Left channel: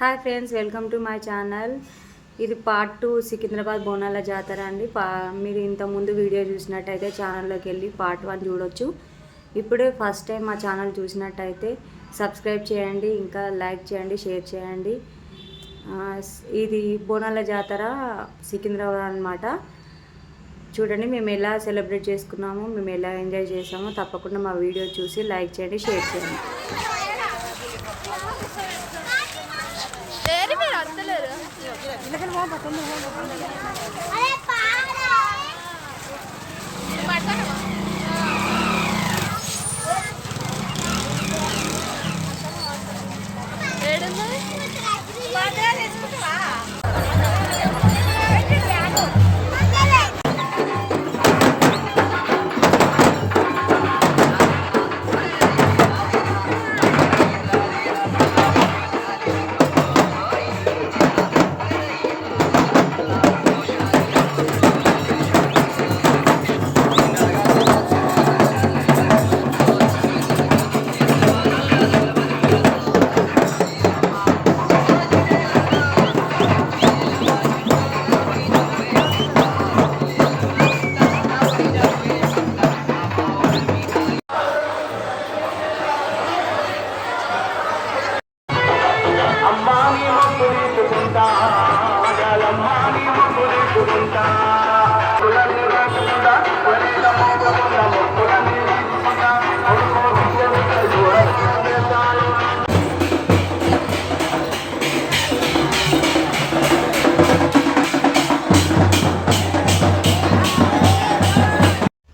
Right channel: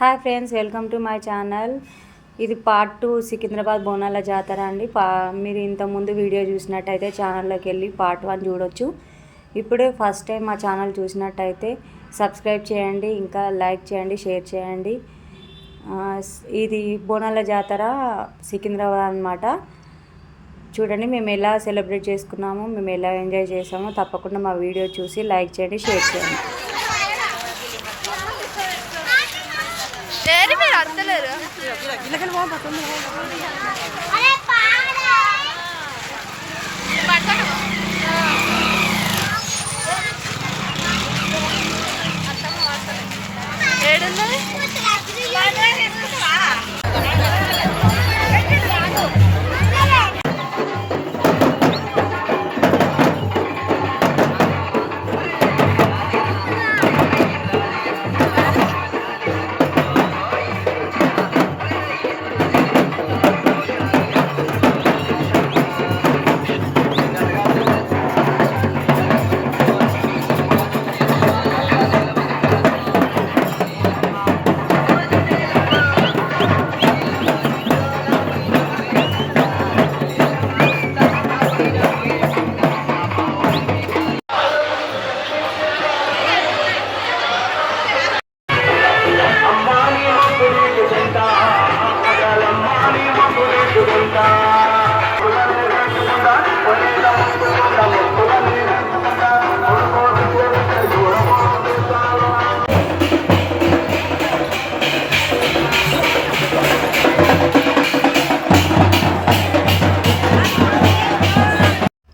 Hi friends welcome to my channel. ఇది part two Secunderabad బోనాల జాతర అండి. పా మీరు ఇంతకుముందు వీడియో చూసినట్టయితే ఛానల్లోకి వెళ్ళి పార్ట్ వన్ చూడొచ్చు. ఇప్పుడే ఫస్ట్ టైం మా ఛానల్ చూసినట్టయితే సబ్స్క్రైబ్ చేయండి ఇంకా లైక్ చేయండి షేర్ చేయండి. ఇది బోనాల జాతర సికింద్రాబాద్ అనమాట చూడండి మేము ఎలా సెలబ్రేట్ చేసుకున్నామో మేము ఎలా ఎంజాయ్ చేసామో తప్పకుండా మా వీడియో చూసి లైక్ చేయండి షేర్ చేయండి. ఏరి మీరు అత్తలేరు ఏడున్నది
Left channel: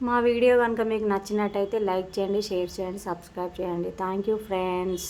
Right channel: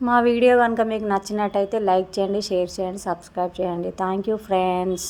మా వీడియో కనుక మీకు నచ్చినట్టయితే లైక్ చేయండి షేర్ చేయండి సబ్స్క్రైబ్ చేయండి. Thank you friends